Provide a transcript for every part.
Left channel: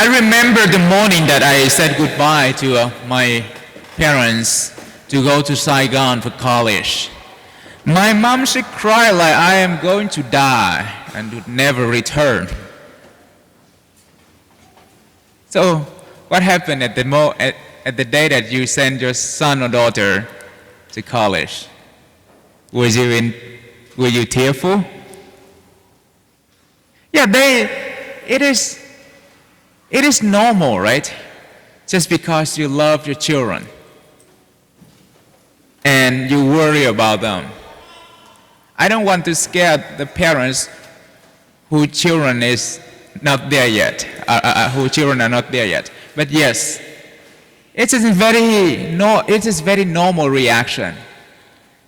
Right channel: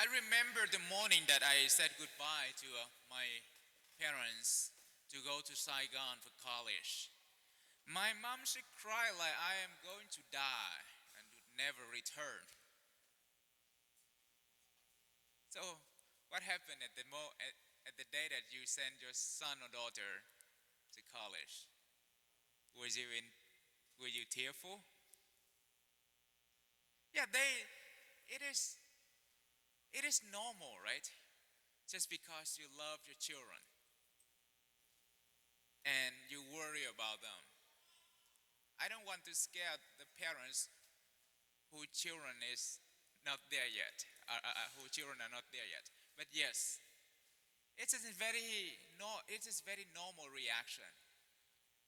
I remember the morning that I said goodbye to my parents to go to Saigon for college. My mom, she cried like I am going to die and would never return. So what happened at the day that you sent your son or daughter to college? Were you tearful? Yeah, it is normal, right? Just because you love your children and you worry about them. I don't want to scare the parents whose children is not there yet, whose children are not there yet. But yes, it is very normal reaction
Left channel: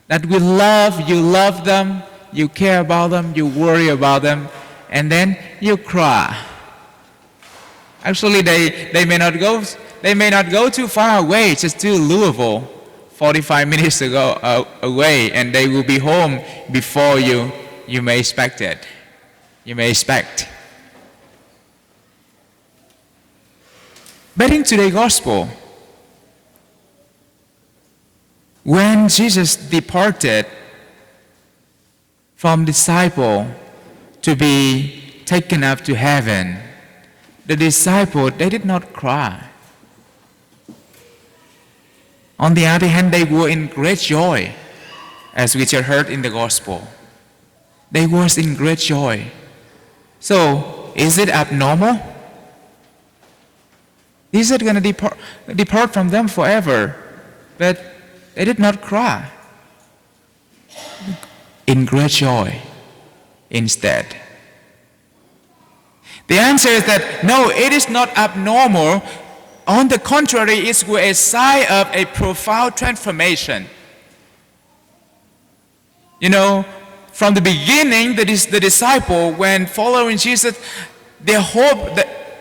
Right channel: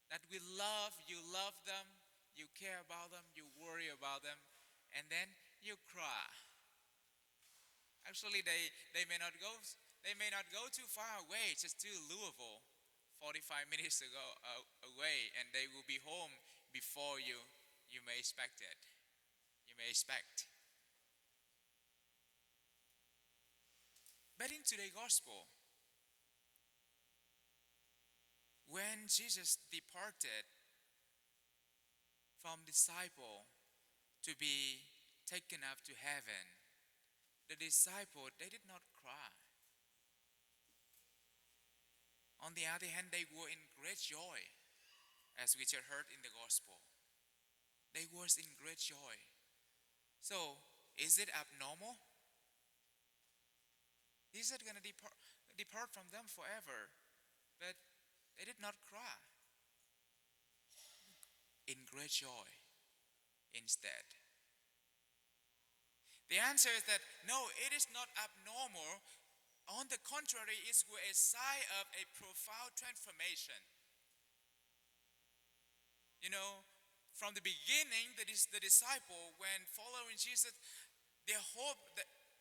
that you love them, you care about them, you worry about them, and then you cry. Actually, they may not go too far away, just to Louisville, 45 minutes away, and they will be home before you may expect it. You may expect. But in today's gospel, when Jesus departed from disciple to be taken up to heaven, the disciples, they did not cry. On the other hand, they were in great joy, as we just heard in the gospel. They were in great joy. So, is it abnormal? Is it going to depart from them forever? But they did not cry. In great joy instead. The answer is that no, it is not abnormal. On the contrary, it's a sign of a profound transformation. You know, from the beginning, the disciple, when following Jesus, what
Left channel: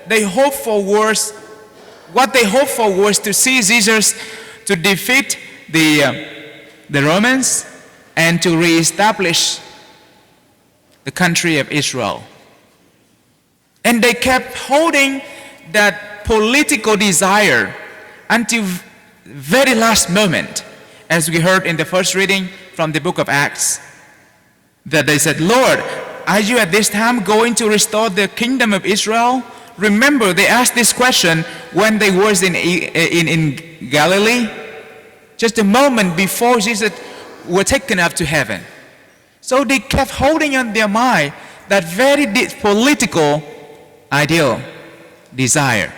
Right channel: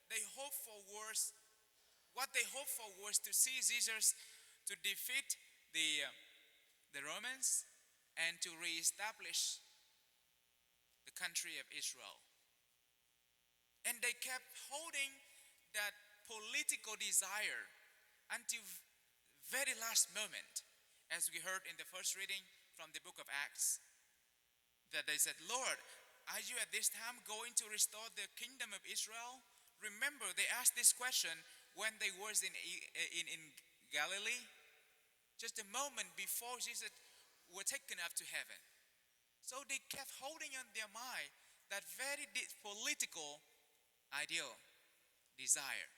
they hoped for was to see Jesus to defeat the Romans and to reestablish the country of Israel. And they kept holding that political desire until very last moment, as we heard in the first reading from the book of Acts, that they said, Lord, are you at this time going to restore the kingdom of Israel? Remember, they asked this question when they were in Galilee, just a moment before Jesus was taken up to heaven. So they kept holding on their mind that very political ideal, desire.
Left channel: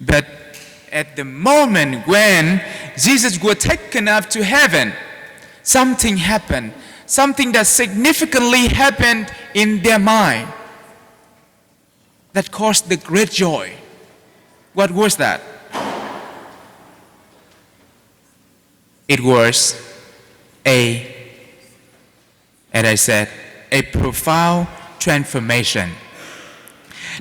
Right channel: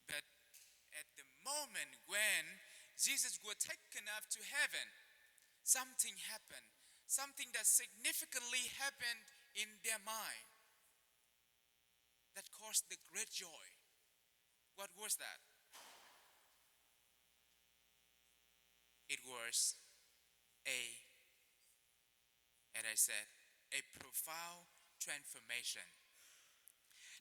But at the moment when Jesus was taken up to heaven, something happened. Something that significantly happened in their mind that caused the great joy. What was that? It was as I said, a profound transformation.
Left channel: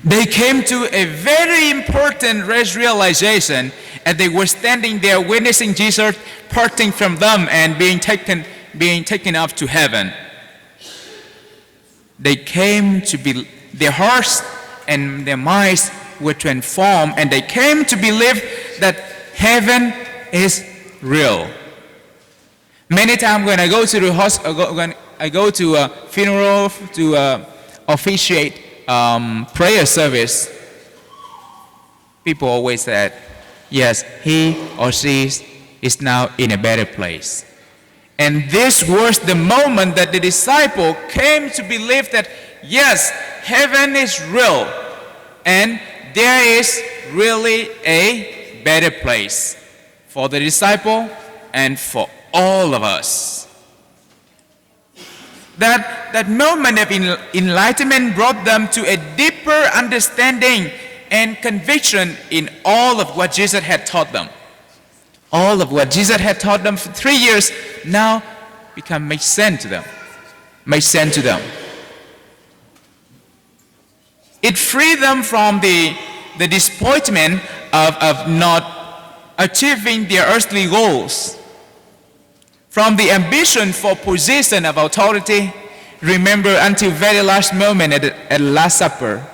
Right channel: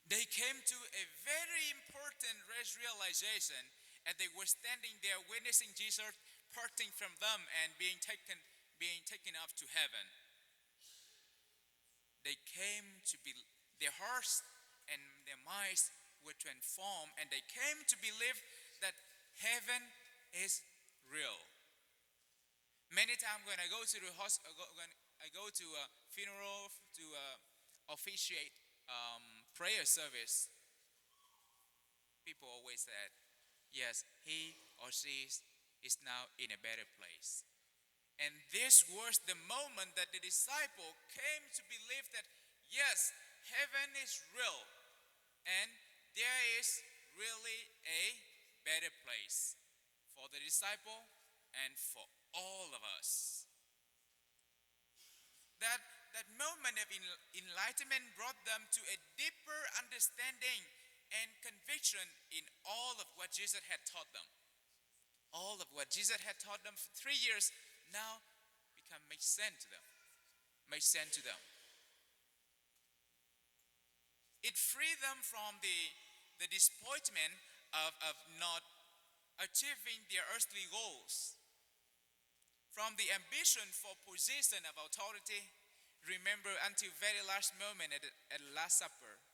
They came to a very important realization as they were standing there witnessing Jesus parting from them and being taken up to heaven. They came to be, their hearts and their minds were transformed, and they came to believe that heaven is real. Many times when I go to the hospital, when I go to a funeral to officiate prayer service, people always said, yes, he or she is now in a better place. And this was the moment that the disciple came to believe that, yes, heaven is real, and there is really a better place for the disciple and for all of us. That moment of enlightenment brought them to a deeper understanding and conviction in all of what Jesus had taught them. All of what Jesus had taught them for 3 years now makes sense to them. Makes sense to them. It freed them from the disappointment of not achieving their earthly goals, from the ambition for position of authority, remember until very last moment at Last Supper.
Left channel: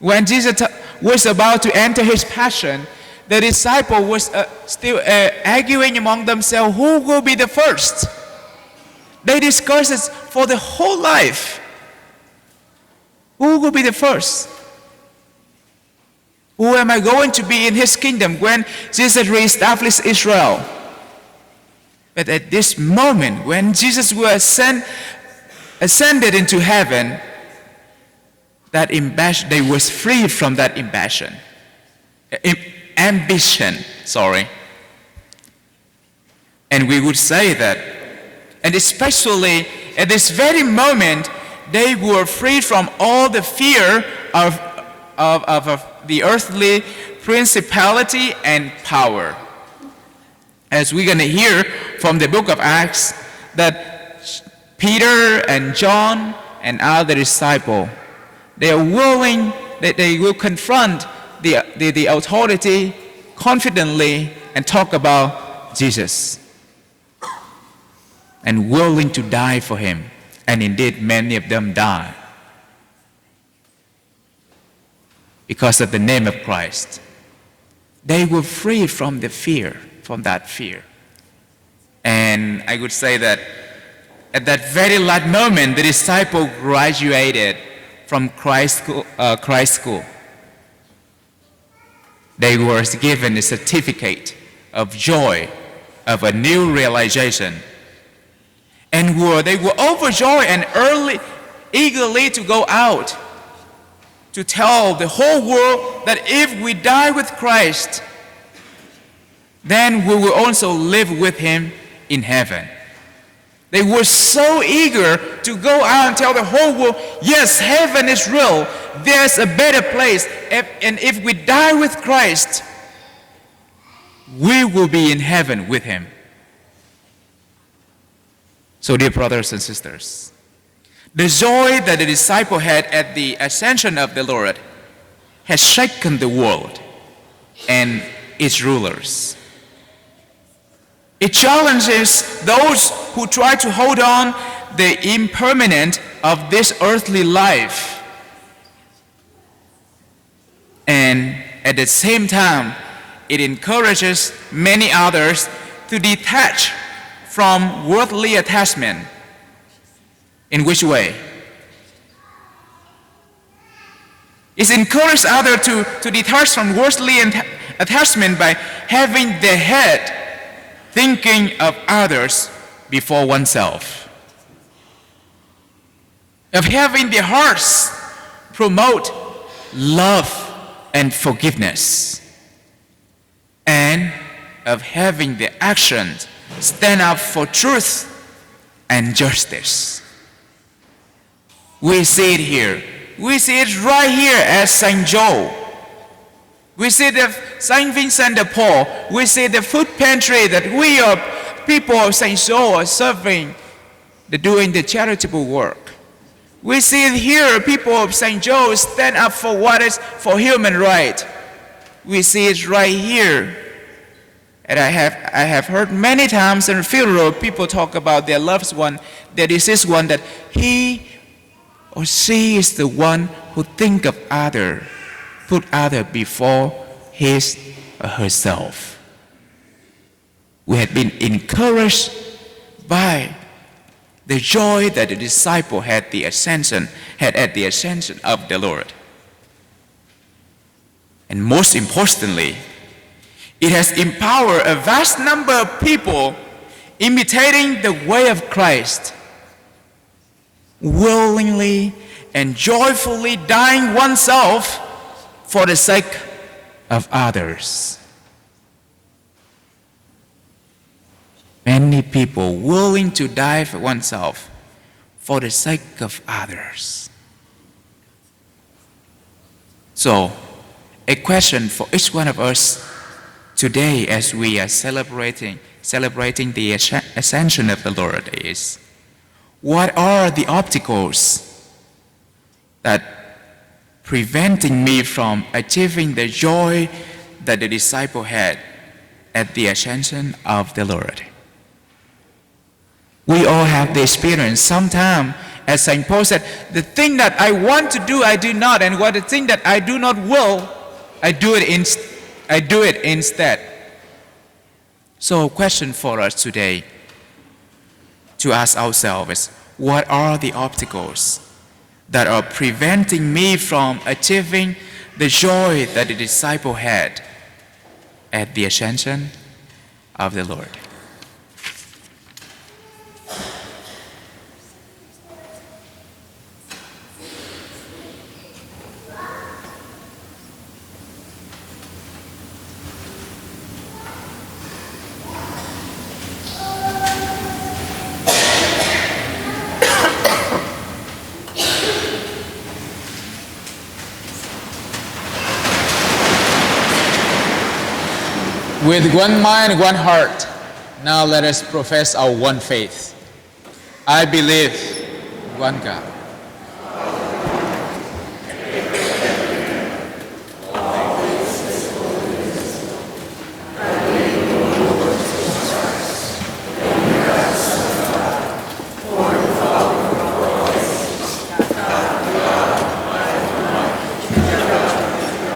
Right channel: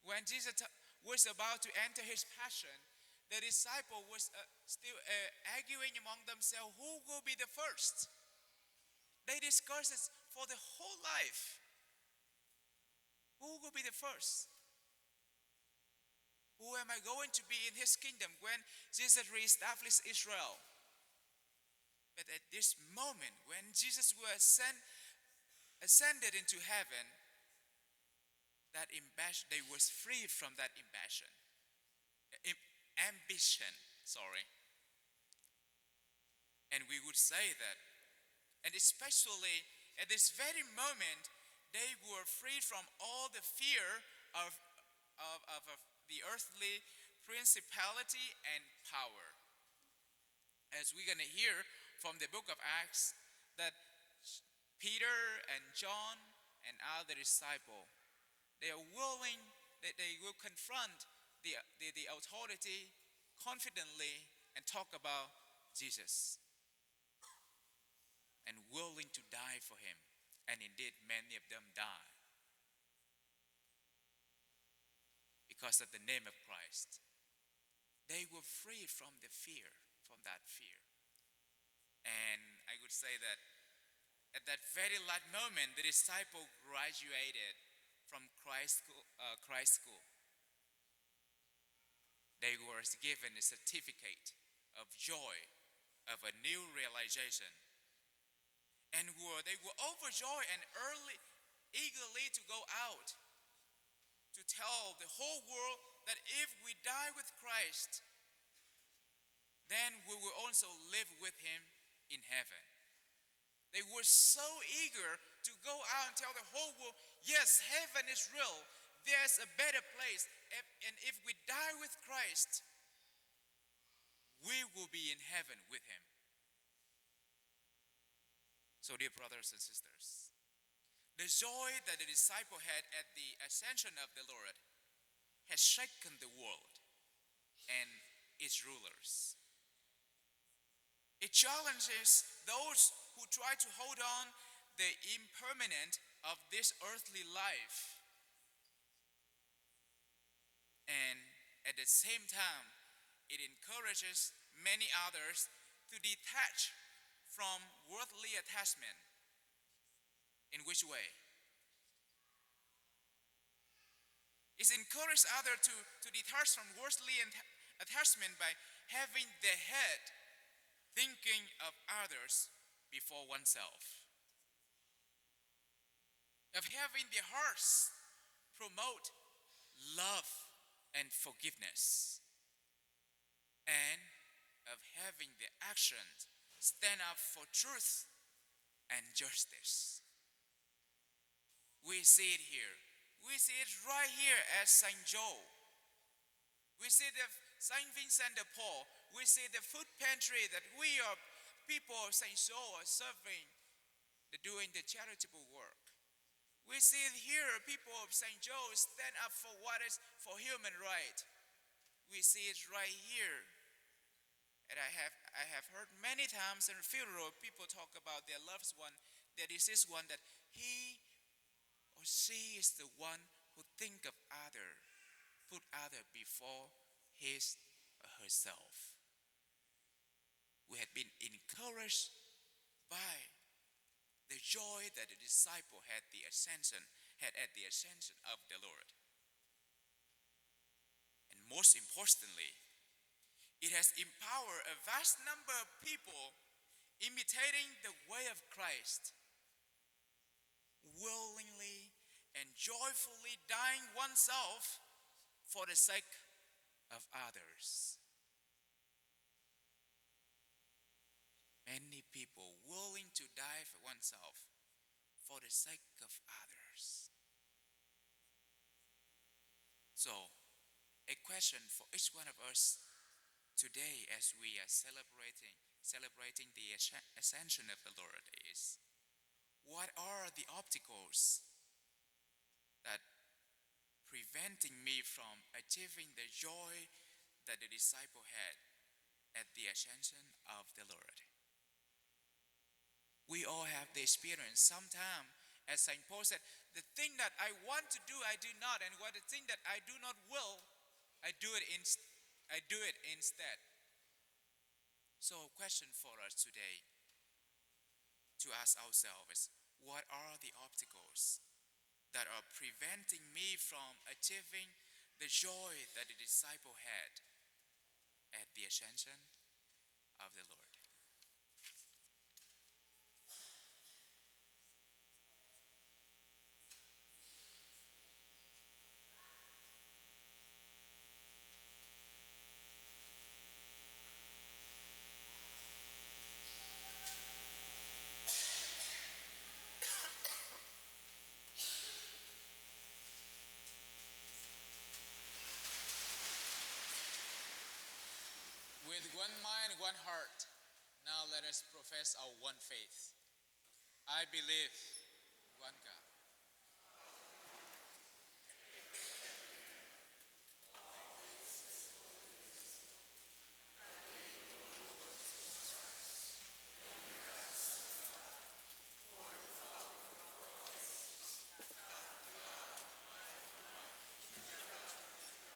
When Jesus was about to enter his passion, the disciple was still arguing among themselves who will be the first. They discussed it for the whole life. Who will be the first? Who am I going to be in his kingdom when Jesus reestablished Israel? But at this moment, when Jesus will ascended into heaven, that they was freed from that ambition. And we would say that, and especially at this very moment, they were freed from all the fear of the earthly principality and power. As we're going to hear from the book of Acts, that Peter and John and other disciples, they are willing that they will confront the authority confidently and talk about Jesus, and willing to die for him. And indeed, many of them died because of the name of Christ. They were freed from that fear. And I would say that at that very last moment, the disciple graduated from Christ school. They were given a certificate of joy, of a new realization. And they were overjoyed and eagerly to go out to tell the whole world that if we die with Christ, then we will also live with him in heaven. They were so eager to go out and tell the whole world, yes, heaven is real. There's a better place. And if we die with Christ, we will be in heaven with him. So, dear brothers and sisters, the joy that the disciple had at the ascension of the Lord has shaken the world and its rulers. It challenges those who try to hold on the impermanent of this earthly life. And at the same time, it encourages many others to detach from worldly attachment. In which way? It encourages others to detach from worldly attachment by having their head thinking of others before oneself, of having their hearts promote love and forgiveness, and of having their actions stand up for truth and justice. We see it here. We see it right here at St. Joe. We see the St. Vincent de Paul. We see the food pantry that we are people of St. Joe are serving, doing the charitable work. We see it here, people of St. Joe stand up for what is for human right. We see it right here. And I have heard many times in funeral people talk about their loved one, their deceased one, that he or she is the one who think of other, put other before his or herself. We had been encouraged by the joy that the disciple had at the ascension of the Lord. And most importantly, it has empowered a vast number of people imitating the way of Christ, willingly and joyfully dying oneself for the sake of others. Many people willing to die for oneself for the sake of others. So, a question for each one of us today as we are celebrating the ascension of the Lord is, what are the obstacles that preventing me from achieving the joy that the disciple had at the ascension of the Lord? We all have the experience. Sometimes As St. Paul said, the thing that I want to do, I do not, and what the thing that I do not will, I do it instead. So a question for us today to ask ourselves is, what are the obstacles that are preventing me from achieving the joy that the disciple had at the ascension of the Lord? With one mind, one heart, now let us profess our one faith. I believe in one God,